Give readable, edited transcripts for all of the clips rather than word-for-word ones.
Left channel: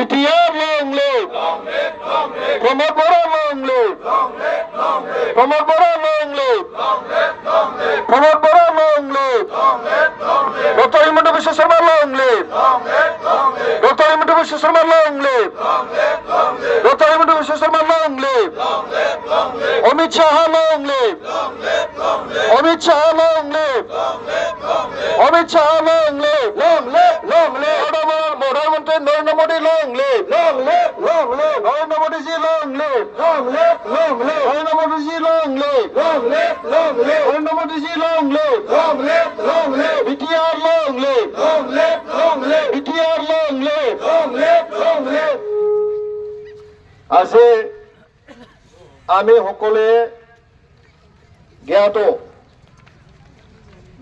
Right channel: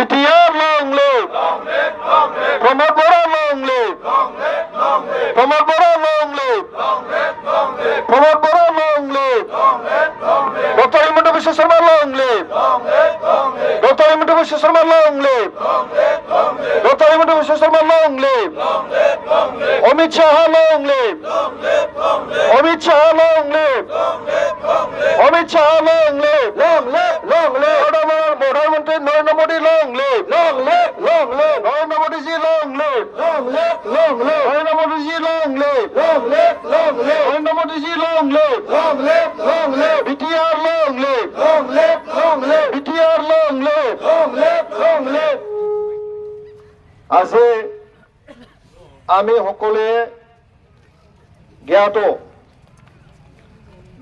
BTR long live. Pramod Bora long live. Pramod Bora long live. Pramod Bora long live. Dr. Himanta Biswa Sarma long live. Dr. Himanta Biswa Sarma long live. Dr. Himanta Biswa Sarma long live. Amit Shah long live. Amit Shah long live. Amit Shah long live. Long live. Long live. Pradhanmantri Narendra Modi long live. Long live. Long live. Narendra Modi ji long live. Long live. Long live. Narendra Modi ji long live. Long live. Long live. Narendra Modi ji long live. Long live. Long live. BTR long live. Long live. Long live. BTR long live. Long live. Long live. আজি আমি সকলোৱে জ্ঞাত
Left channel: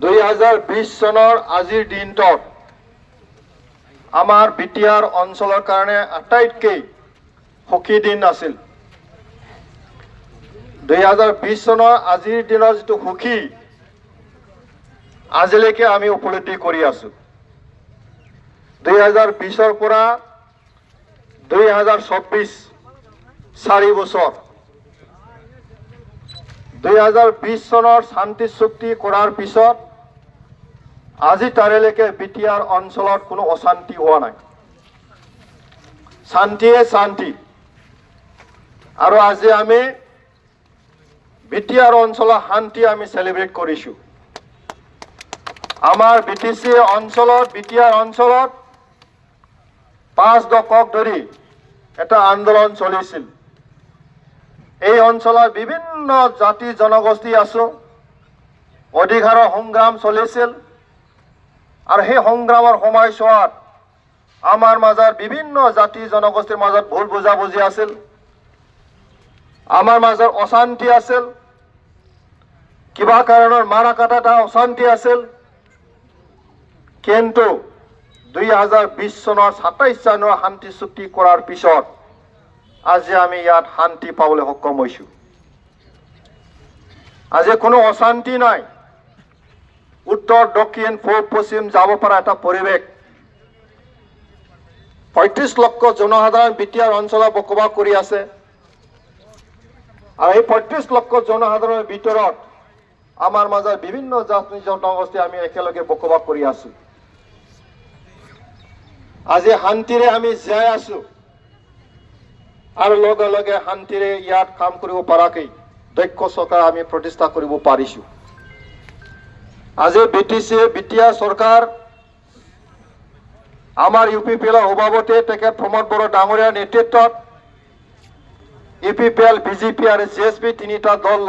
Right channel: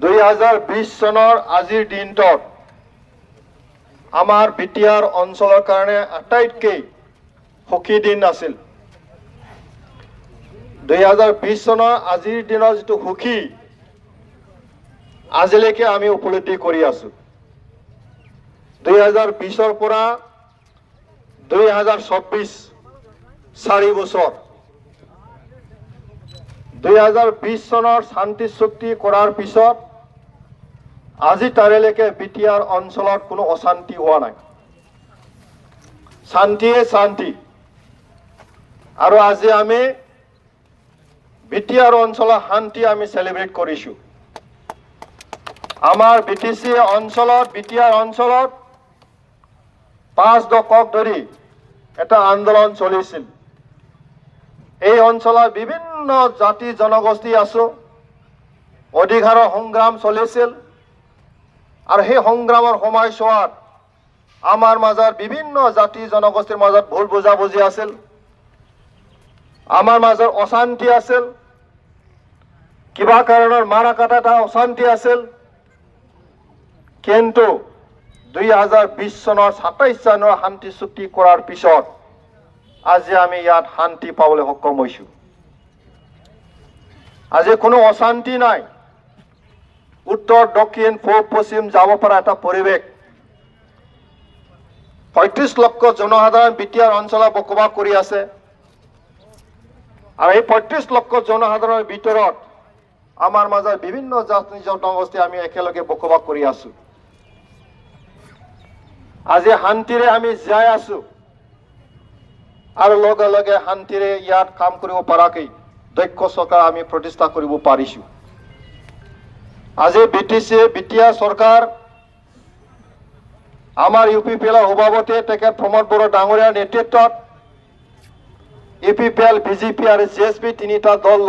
2020 চনৰ আজিৰ দিনটোত আমাৰ BTR অঞ্চলৰ কাৰণে আটাইতকৈ সুখী দিন আছিল। 2020 চনৰ আজিৰ দিনৰ যিটো সুখী আজিলৈকে আমি উপলব্ধি কৰি আছো। 2020ৰ পৰা 2024 4 বছৰ 2020 চনৰ শান্তি চুক্তি কৰাৰ পিছত আজি তাৰিখলৈকে বিটিআৰ অঞ্চলত কোনো অশান্তি হোৱা নাই। শান্তিয়ে শান্তি। আৰু আজি আমি বিটিআৰ অঞ্চলৰ শান্তি আমি সেলিব্ৰেট কৰিছো। আমাৰ বিটিসি অঞ্চলত বিটিআৰ অঞ্চলত 5 দশক ধৰি এটা আন্দোলন চলিছিল। এই অঞ্চলত বিভিন্ন জাতি জনগোষ্ঠী আছে, অধিকাৰৰ সংগ্ৰাম চলিছিল। আৰু সেই সংগ্ৰামৰ সময়ছোৱাত আমাৰ মাজত বিভিন্ন জাতি জনগোষ্ঠীৰ মাজত ভুল বুজাবুজি আছিল, আমাৰ মাজত অশান্তি আছিল, কিবা কাৰণৰ মাৰা কাটা অশান্তি আছিল। কিন্তু 2020 চনৰ 27 জানুৱাৰী শান্তি চুক্তি কৰাৰ পিছত আজি আমি ইয়াত শান্তি পাবলৈ সক্ষম হৈছো। আজি কোনো অশান্তি নাই। উত্তৰ দক্ষিণ পূব পশ্চিম যাব পৰা এটা পৰিৱেশ। 35 লক্ষ জনসাধাৰণ বিটিআৰ অঞ্চলত বসবাস কৰি আছে। আৰু এই 35 লক্ষ জনসাধাৰণৰ ভিতৰত আমাৰ মাজত বিভিন্ন জাতি জনগোষ্ঠী আমি একেলগে বসবাস কৰি আছো। আজি শান্তিৰে আমি জীয়াই আছো। আৰু লগে লগে শান্তিৰে ইয়াত কাম কৰিব পৰাকৈ দক্ষ চৰকাৰ আমি প্ৰতিষ্ঠা কৰিব পাৰিছো। আজি বিটিআৰ চৰকাৰ আমাৰ ইউপিপিএলৰ সভাপতি তেখেত প্ৰমোদ বড়ো ডাঙৰীয়াৰ নেতৃত্বত ইউপিপিএল বিজেপি আৰু জিএছপি তিনিটা দল